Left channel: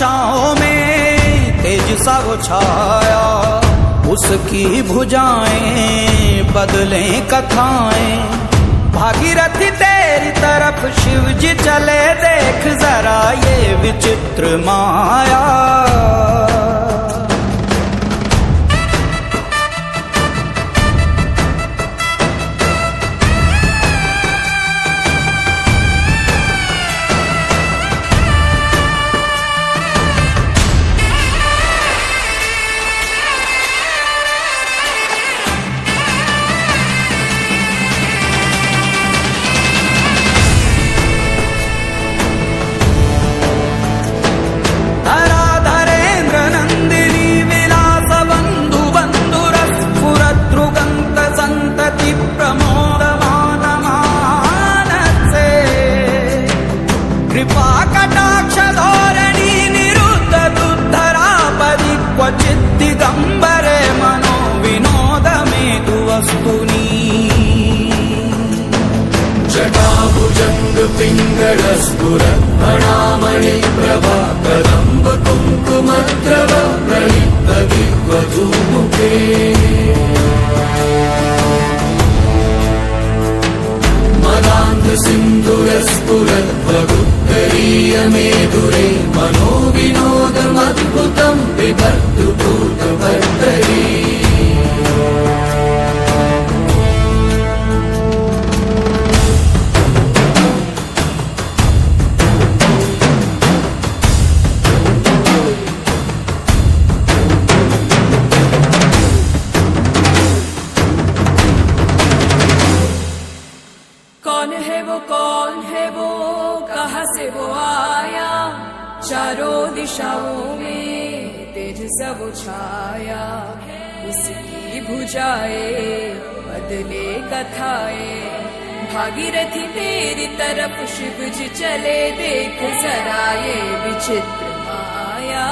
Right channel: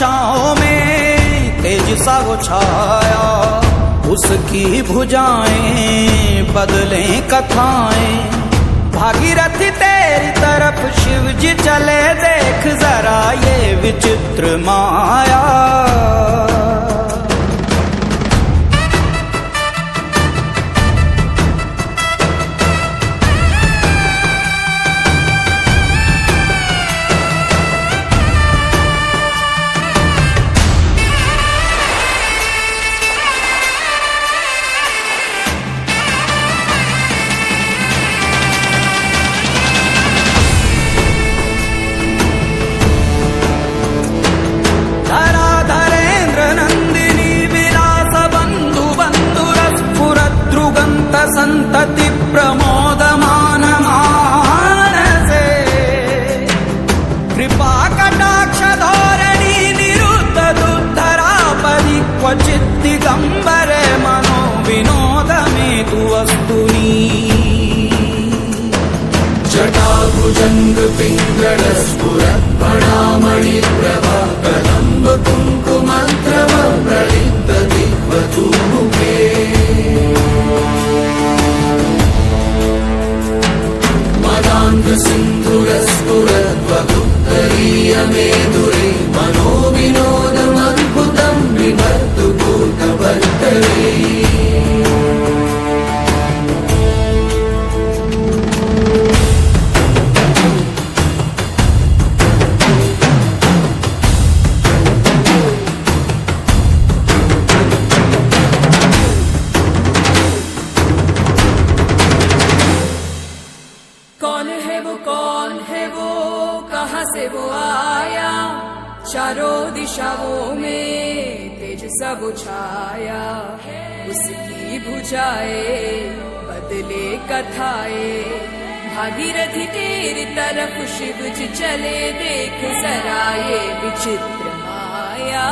दिशाओं में तेज सा वो छाया, उसकी भुजाएं बदलें कथाएं। भागीरथी तेरी तरफ शिव जी चले, देख जरा ये विचित्र माया। जटाभुजंग पिंगलस्फुरत् फणामणि प्रभा कदम्ब कुङ्कुमद्रव प्रलिप्त दिग्वधूमुखे। मदान्ध सिन्धुरस्फुरत् वगुत्तरीय मेधुरे, मनो विनोदमद्भुतं बिभर्तु भूतभर्तरे। चारों दिशाओं में तेज सा वो छाया, उसकी भुजाएं बदले कथाएं। भागीरथी तेरी तरफ शिव जी चले, देख जरा ये विचित्र माया।